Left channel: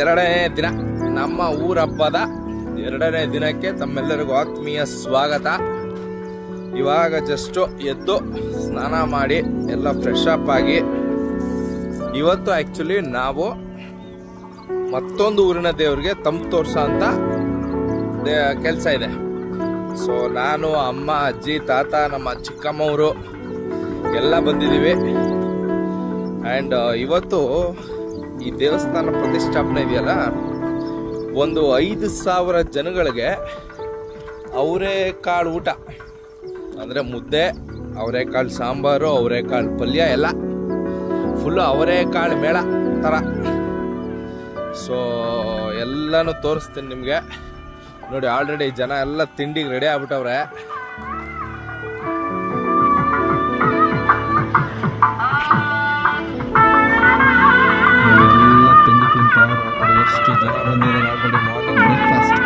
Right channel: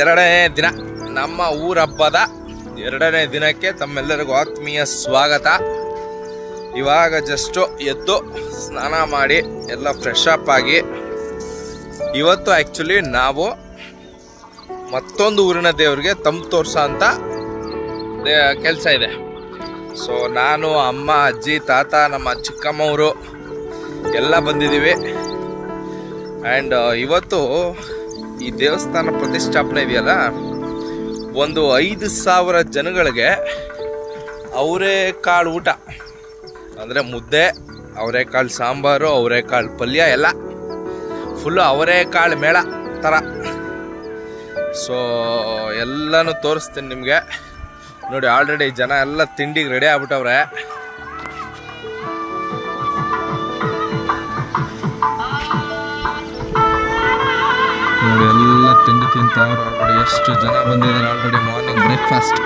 ಎರಡನೇ ದಿನ ನಮ್ಮ ಊರ ಹಬ್ಬದ ಎರಡನೇ ದಿನಕ್ಕೆ ತಮ್ಮೆಲ್ಲರಿಗೂ ಆತ್ಮೀಯ ಸ್ವಾಗತ. ಇವಾಗ ಜಸ್ಟ್ ಎದ್ದು ಸ್ನಾನ ಮಾಡಿ ಎಲ್ಲ ಫ್ರೆಶ್ ಅಪ್ ಆಗಿ ಇವತ್ತು ಆ್ಯಕ್ಚುಲಿ ನಾವು ಮತ್ತೊಂದು ಊರಿನ ದೇವರಿಗೆ ತಂಪು ತೋರ್ಸೋ ಅಂತ ಕೆಲಸ ಇದೆ. ಸೊ ನಾನು, ಅಮ್ಮ, ಅಜ್ಜಿ, ತಾತ, ನಮ್ಮ ಚಿಕ್ಕಮ್ಮವರು ಎಲ್ಲ ಬಂದಿದ್ದೀವಿ. ಆ್ಯಂಡ್ ಇವತ್ತು ಈ ದೇವಸ್ಥಾನ ಪ್ರತಿಷ್ಠಾಪನೆ ಇದೆಯಲ್ಲ, ಒಂದು 5,000 ಜನಗಳಿಗೆ ಅವರೆಕಾಳು ಊಟ ಅಂದರೆ ಮುದ್ದೆ, ಅವರೆಕಾಳು ಸಾಂಬಾರು, ಅವರೆಕಾಳು ಪಲ್ಯ ಎಲ್ಲ ಫುಲ್ಲು ಅವರೆಕಾಳು ಮೇಳ ಥರ. ಸೊ ಎಲ್ಲನೂ ತೋರಿಸ್ತೀನಿ ನಿಮಗೆ. ನೋಡಿ, ಆಲ್ರೆಡಿ ಜನ ಎಲ್ಲ ತಿಂಡಿಗೆ ರೆಡಿ ಆಗ್ಬಿಟ್ಟವ್ರೆ. ನೋಡಿ, ಎಲ್ಲ ತಿಂಡಿ ತಿಂತವ್ರು. ಆಲ್ರೆಡಿ ಎಷ್ಟು ಜನ ಬಂದಿದ್ದಾರೆ. Already morning breakfast.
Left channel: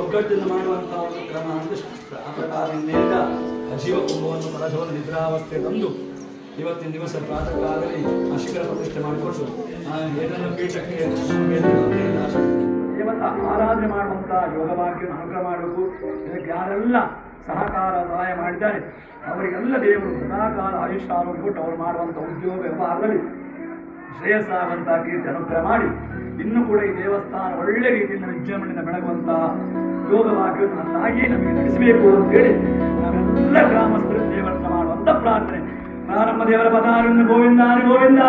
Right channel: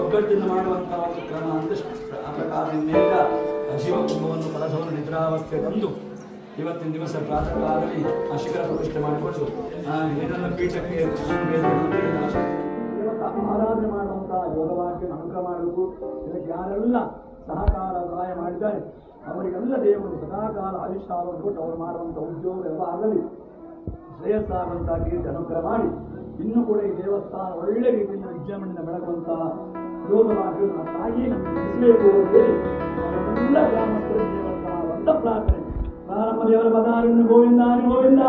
ಒಗ್ಗಟ್ಟಿನ ಮಾಡುವಂತಹ ಒಂದು ಕ್ರಮ ಅಂತ ಶಾಸ್ತ್ರ. ಆ ಪ್ರಕಾರದಿಂದ ಅಜೀವ ಕುಂಭವನ್ನು ಕಳಸವನ್ನು ನಿದ್ರಾವಸ್ಥೆ ತಂದು ಇವತ್ತಿನ ದಿವಸ ಪ್ರಾತಃ ಕಾಲದಲ್ಲಿ ಆ ಶಿಖರ ಪ್ರತಿಷ್ಠೆ ಮಾಡಿಕೊಂಡು ಏನೆಲ್ಲ ಪೀಠಕ್ಕೆ ದೇವತಾ ಆರಾಧನೆ ಮಾಡುವಂತಹ ಯೋಗಭಾಗ್ಯವನ್ನು ಅನುಗ್ರಹ ಮಾಡಬೇಕು. ಇದಕ್ಕೆ ಯಾರೆಲ್ಲ ಸಹಕಾರ ಸಹಾಯ ಮಾಡಿದ್ದಾರೆ ಅವರಿಗೆಲ್ಲ ದೇವರು ಸದಾಕಾಲ ಆಯುಷ್ಯ ಆರೋಗ್ಯ ಕೊಟ್ಟು ಅವರು ಮಾಡುವಂಥ ಉದ್ಯೋಗ ವ್ಯವಹಾರದಲ್ಲಿ ಶ್ರೇಯಸ್ಸಾಗುವಂತಹ ಕೀರ್ತಿ ಅನುಗ್ರಹ ಮಾಡಿ ಇನ್ನೂ ಕೂಡ ಈ ದೇವಸ್ಥಾನ ಒಳ್ಳೆ ರೀತಿಯಿಂದ ವಿಜೃಂಭಣೆಯಿಂದ ಬೆಳಗುವಂತಹ ಯೋಗಭಾಗ್ಯವನ್ನು ನನ್ನಾಗಿಯೇ ನಮಗೆ ನಡೆಸಬೇಕು ಅಂತೇಳಿ ನಾವೆಲ್ಲ ಗ್ರಾಮಸ್ಥರು ದೇವರನ್ನ ಮಾಡುವಂಥ ಪ್ರಾರ್ಥನೆ. ಪ್ರಾರಂಭ ದೇವರ ಪದಾರನ್ನು ಗೋವಿಂದ ಗೋವಿಂದ.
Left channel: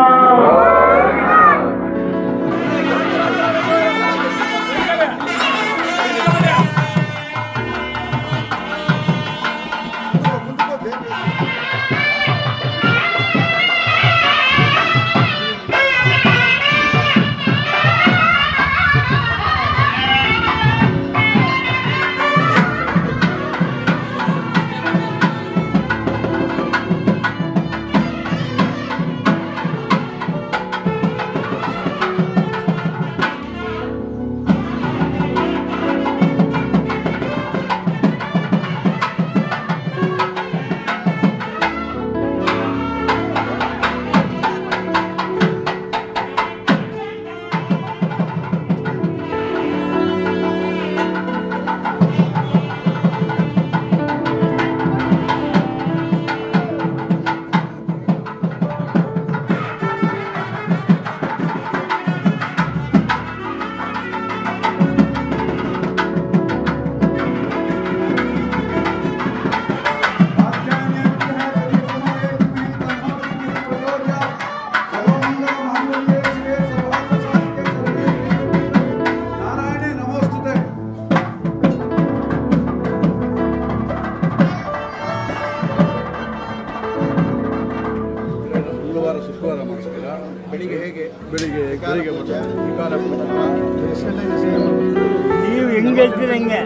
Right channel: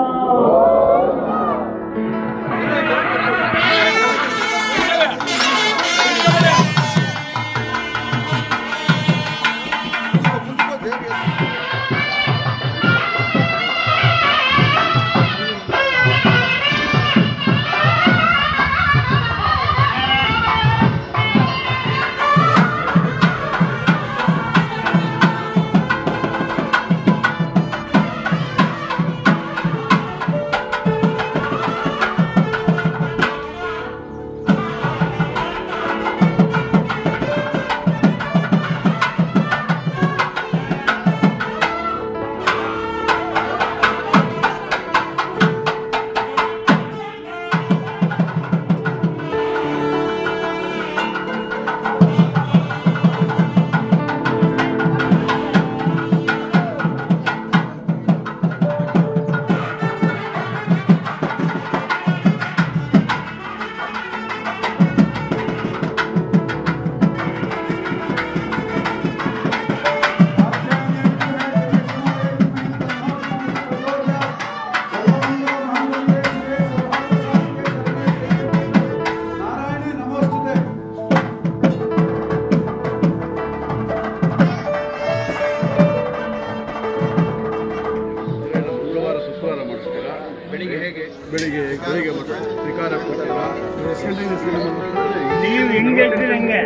ಬೆಳಿಗ್ಗೆ ತ್ರಿಕಾಲ ಪೂಜೆ ನೀವು ಹಿಂಗೆ ಇರ್ತೀರಿ ಹಿಂಗೆ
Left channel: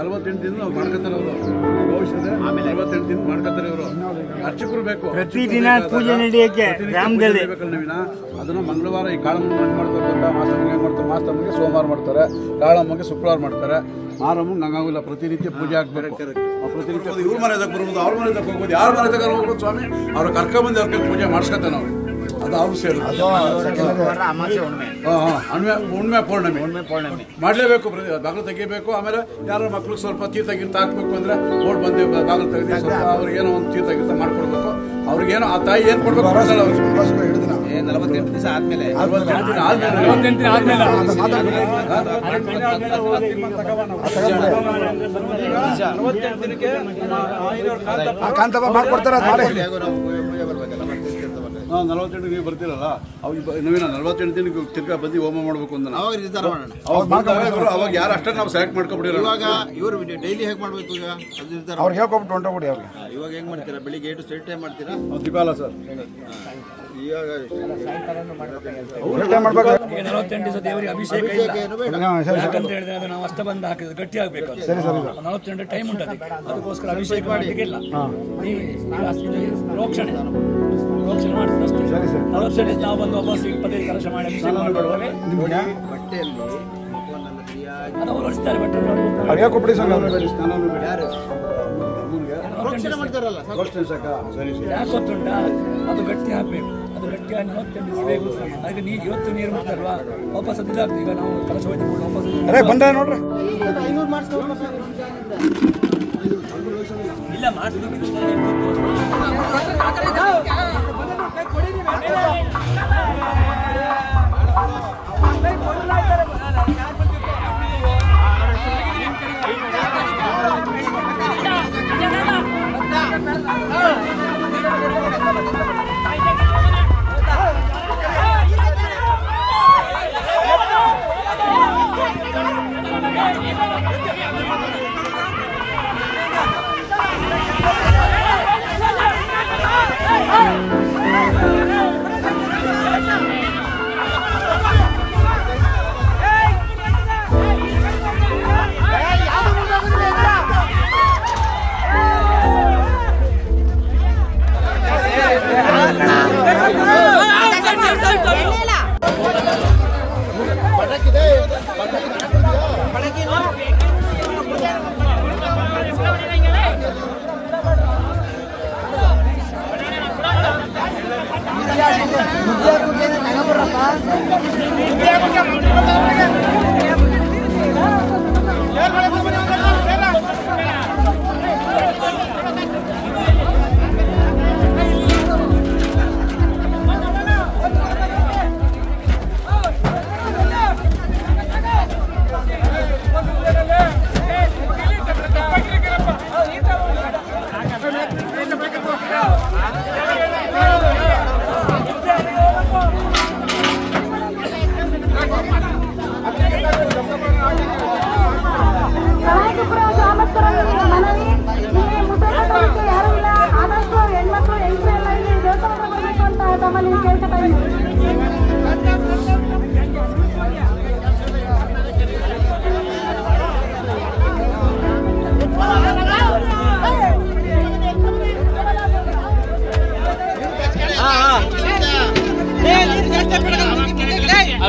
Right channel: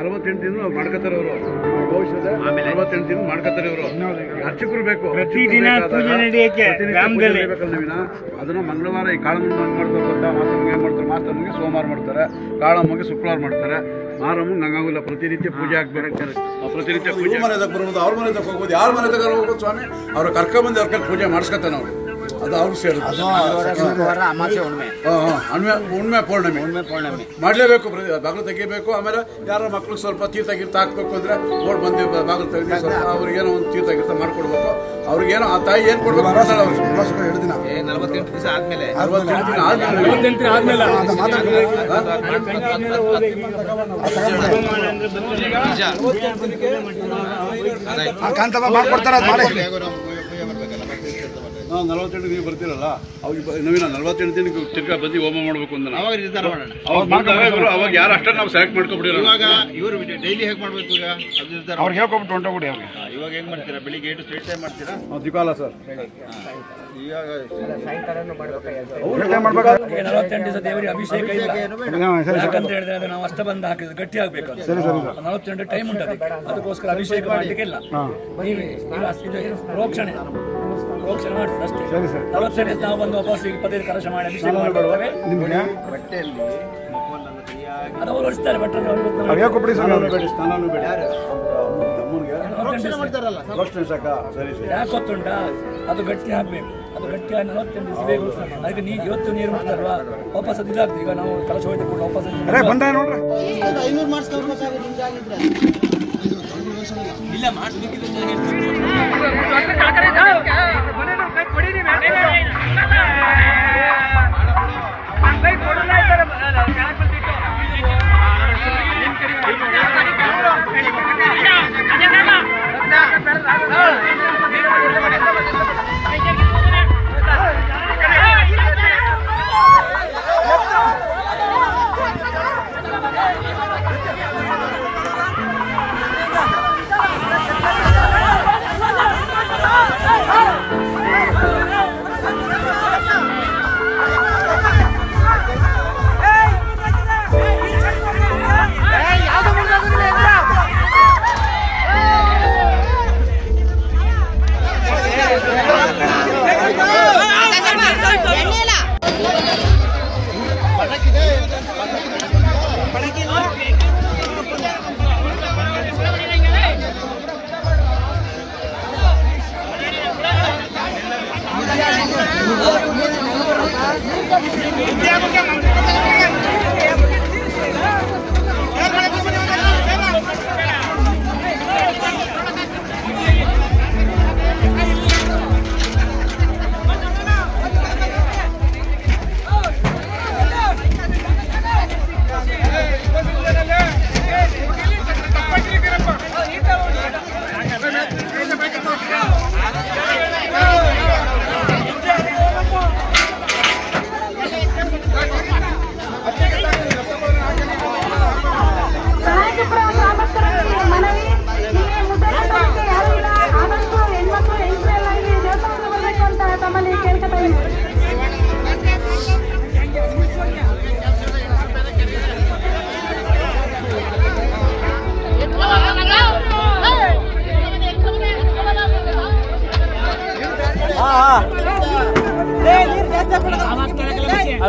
48 ದಿನ ಮಾಡ್ಕೊತಾರೆ ಅವರು. ಭವಿಷ್ಯದ 48 ದಿನ ಮಾಡ್ಕೊತಾರೆ ಇವರು. ಅರ್ಚಕರು ಬೇಕು, ಪ್ರತಿದಿನ ಪೂಜೆ ನಡೆಯಕ್ಕೆ ಗ್ರಾಮದಲ್ಲಿ ಅದನ್ನು ಮಂಗಳವಾರ ಈ ಕಾಳಮ್ಮನ ಹೆಂಗ್ ಮಾಡ್ತಾರೆ ಗೊತ್ತಾ? ಮಾಸಮ್ಮಗೆ ಹೆಂಗ್ ಮಾಡ್ತಾರೆ? ಮಾಸಮ್ಮಗೆ ಸೋಮವಾರ ಮಾಡ್ತಾರೆ, ಕಾಳಮ್ಮಗೆ ಶುಕ್ರವಾರ ಮಾಡ್ತಾರೆ, ಮಾರಮ್ಮಗೆ ನಂಗಾಗಿಲ್ಲ. ಪ್ರತಿನಿತ್ಯ ಪೂಜೆ ಆಗ್ಬೇಕು. ಪ್ರತಿನಿತ್ಯ ಪೂಜೆ ಮನೆ ಬರ್ಬೋದು, ಅವ್ರ ಮನೆ ತಗ ಹೋಗ್ಬೋದು, ಯಾರ ಮನೆ ತಗ ಹೋಗ್ಬೋದು ಸ್ವಾಮಿ. ಅವ್ರು ಕರ್ಕೊಂಬಂದು ಅವ್ರ ಕೈ ಪೂಜೆ ಮಾಡಿಸ್ಕೊತಾನೆ ನಾವು. ಅದು ಅವ್ರು ಸೇರಿ ಹುಣ್ಮೆ ಪೌರ್ಣಮಿ ಮಾಡಲೇಬೇಕು. ಬಾಗಿಲು ತೆಗಿಬೇಕು. ಆಮೇಲೆ ಯಾರೋ ಮಕ್ಳಿಗೆ ಸ್ವಲ್ಪ ತೀರ್ಥ ಗೀರ್ಥ ಹಾಕ್ಬೇಕು ಅಂದ್ರೆ ಓಡ್ ಬಂದು ಬಾಗಿಲು ತೆಗೆದು ಸ್ವಲ್ಪ ಅವ್ರಿಗೇನೋ ಒಂದು ತೀರ್ಥ ಗೀರ್ಥ ಮಾಡ್ಕೊಡ್ಬೇಕು. ಅವ್ರಿಗೇನೋ ಆ ತಾಯಿ ಏನ್ ಕೊಡ್ಬೇಕು ಅನ್ಸಲ್ಲ ಅವ್ರಿಗೆ. 48 ದಿವಸ ಆದ್ಮೇಲೆ 48 ದಿನ ಆದ್ಮೇಲೆ ನಾವು 48 ನೀವು ಬರ್ತೀರಲ್ಲ, ನವೀನ 48 ದಿನಕ್ಕೆ ತಿರ್ಗಾ ಬಂದು ಹೋಮ ಮಾಡ್ಬೇಕು ಅಂತ ಅವಾಗ ಯಾರು ಅಷ್ಟೇ ನಾವು ಸೆಲೆಕ್ಟ್ ಮಾಡ್ಕೊಬಿಡಿರೋ. ಇವಾಗ ಇವರು ಡೈಲಿ ಹೇಗೆ ಮಾಡ್ಬೇಕು? ಈಗ ಅವ್ರಿಗೆ ಹೇಳ್ಕೊಬಿಟ್ಟು ಹೊಂಟೋಗ್ಬಿಡಿ. ಅವ್ರಿಗೆ ಇವಾಗ ಹೆಂಗ್ ಮಾಡ್ತೀರಾ? ಬೆಳಿಗ್ಗೆ 8 ಸ್ಟ್ರೈಟ್ ಟೈಮ್ ಮಾಡ್ತೀರಾ? ದಿಪಾಲ ಸರ್. ಇವಾಗ 48 ದಿವಸ ದೇವರಿಗೆ ಅಭಿಷೇಕ ಯಾಕಂತ ಹೇಳಿದ್ರೆ ಅದು ನಾವು ಅಷ್ಟ ಬಂದು ಹಾಕಿದ್ರೆ ಗಟ್ಟಿ ಆಗ್ಬೇಕು. 48 ಟೈಮ್ ಉಂಟು ಅದಕ್ಕೋಸ್ಕರ ಅಭಿಷೇಕ ಮಾಡಲಿಕ್ಕಿಲ್ಲ. ನೀವು ಪ್ರೋಕ್ಷಣೆ ಮಾಡ್ತೀವಿ ಅಷ್ಟೇ. 48 ನಾವು ಬಂದು ವಾಪಸ್ ಪದೇ ಕಲಶ ಮಾಡಿ ಅಭಿಷೇಕ ಮಾಡ್ಕೊಳ್ತೇವೆ. ಬಟ್ಟೆಯಲ್ಲಿ ಮುಖವನ್ನೆಲ್ಲ ಸರಿಯಾಗಿ ಅದು ಅವ್ರು ಹೊಡಿಸ್ತಾರೆ. ಬಟ್ ಸ್ನಾನೂ ಬೇಡಿ ಯಾಕೆ ಗೊತ್ತುಂಟಾ? ಅದು ಗಟ್ಟಿ ಹಾಕ್ಬೇಕು. ಅದು ಗಟ್ಟಿಯಾಗಿ 48 ದಿವಸ ಬೇಕು. ಅದಕ್ಕೆ ನೀವು ಇವತ್ತು ನೀರು ಮಾಡ್ತಾರಲ್ವಾ, ವಾಪಸ್ ಅದು ಇದಾಗ್ತದೆ. ಈಗ ನಾವು ಕಲಶ ಹೋಯ್ತು ಕೂಡ ವಾಪಸ್ ಬಂದ ನೋಡ್ರಿ. ಇಲ್ಲ ಮಾಡಿಸ್ಲಿಕ್ಕಿದ್ದು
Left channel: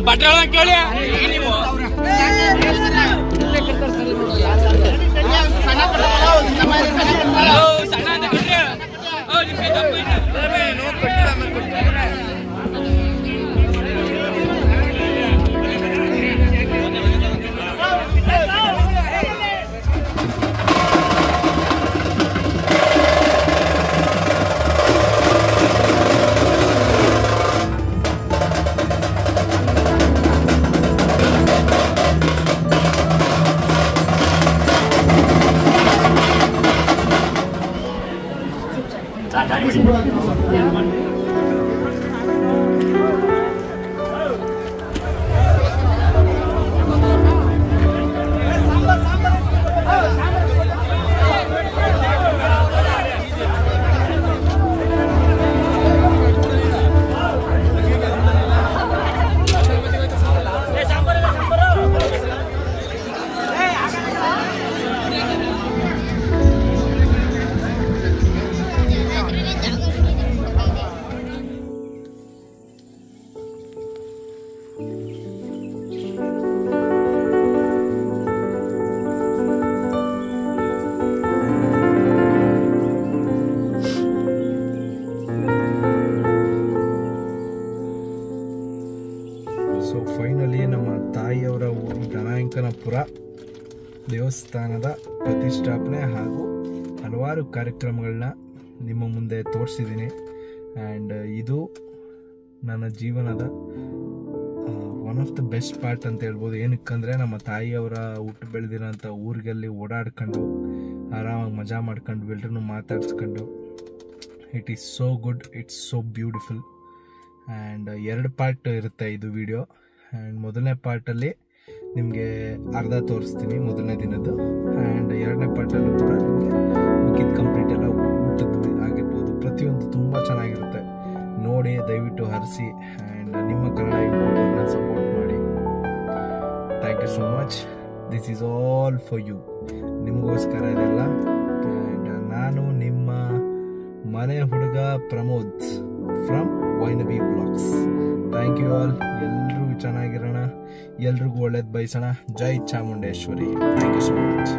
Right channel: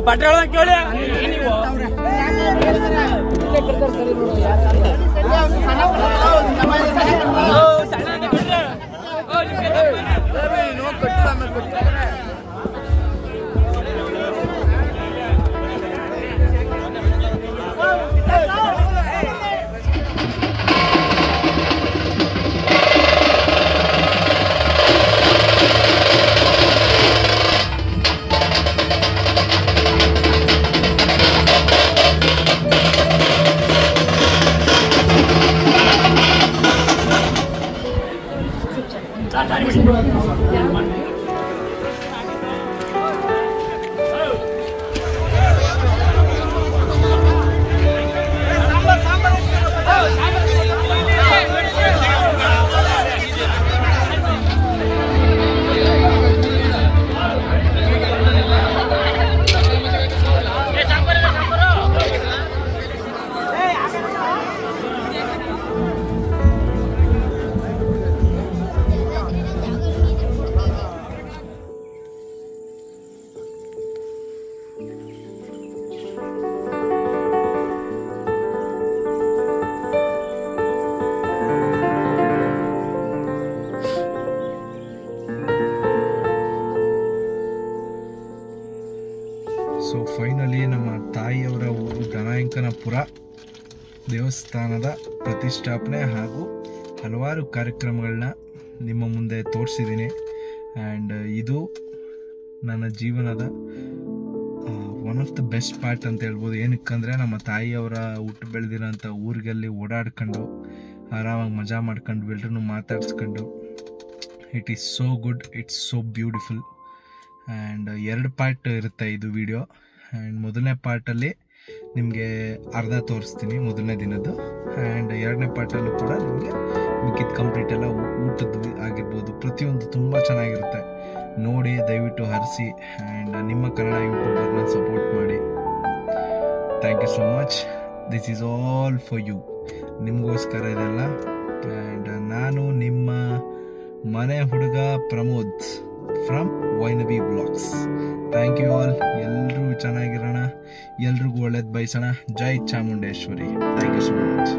ಬಟ್ಟೆ ಕೇಳಿ ನೀವು ದೇವಸ್ಥಾನದ ಪ್ರತಿಷ್ಠಾಪನೆ ಹಾಗೂ ಹಲವಾರು ಕಾರ್ಯಕ್ರಮಗಳನ್ನ ನಿಮ್ಮ ಮುಂದೆ ತೋರಿಸಿದ್ದೀನಿ. ಆ್ಯಂಡ್ ಇದು ನನ್ನ ಜೀವನದ one of the best part ಅಂತ ಹೇಳ್ಬೋದು. ಏನಕ್ಕಂದರೆ ನಮ್ಮ ತಾಯಿಯವರ ಹುಟ್ಟು ಬೆಳೆದಿರೋಂಥ ಊರಿಗಲ್ಲಿ ಓಡಾಡ್ಕೊಂಡು ಆರಾಮಾಗಿ ಮಜಾ ಮಾಡ್ಕೊಂಡು ಎಲ್ಲರೂ ಮಾತಾಡ್ಸ್ಕೊಂಡು it is so good, it's so beautiful. And 2 part ಇರುತ್ತೆ ಇದು ವಿಡಿಯೋ. ಆ್ಯಂಡ್ ಮೊದಲನೇ ಪಾರ್ಟಲ್ಲಿ ನಿಮಗೆ ಅರ್ಧ ತೋರಿಸ್ತೀನಿ ಮೊದಲನೇ ದಿನದ್ದು. ಆ್ಯಂಡ್ 2ನೇ ಪಾರ್ಟಲ್ಲೂ ಕೂಡ ನಿಮಗೆ ಮಿಕ್ಕಿದ ಕಂಪ್ಲೀಟ್ ಎಲ್ಲ ಊಟದ್ದು ಆಗಿರ್ಬೋದು, ಪ್ರತಿಯೊಂದು ತುಂಬ ಚೆನ್ನಾಗಿರುತ್ತೆ. ನೋಡಿ ದಯವಿಟ್ಟು ಹರಿಸಿ. ಆ್ಯಂಡ್ ನಿಮ್ಮ ಕನ್ನಡ ಯೂಟ್ಯೂಬರ್ನ ಸಪೋರ್ಟ್ ಮಾಡಿ. Thank you so much. This is all for you. ನಿಮಗೋಸ್ಕರ ಇದೆಲ್ಲ. ಆ್ಯಂಡ್ ನಾನು ನಿಮ್ಮ ಮನೆ ಹುಡುಗ ಪ್ರಮೋದ್ ಫ್ರಮ್ ವೈನಬಿ ಬ್ಲಾಗ್ಸ್. Thank you all. ಎಲ್ಲರೂ ಚೆನ್ನಾಗಿರೋಣ, ಎಲ್ರಿಗೂ ಒಳ್ಳೇದು ಬಯಸೋಣ. ಜೈ Chamundeshwari. Thank you so much.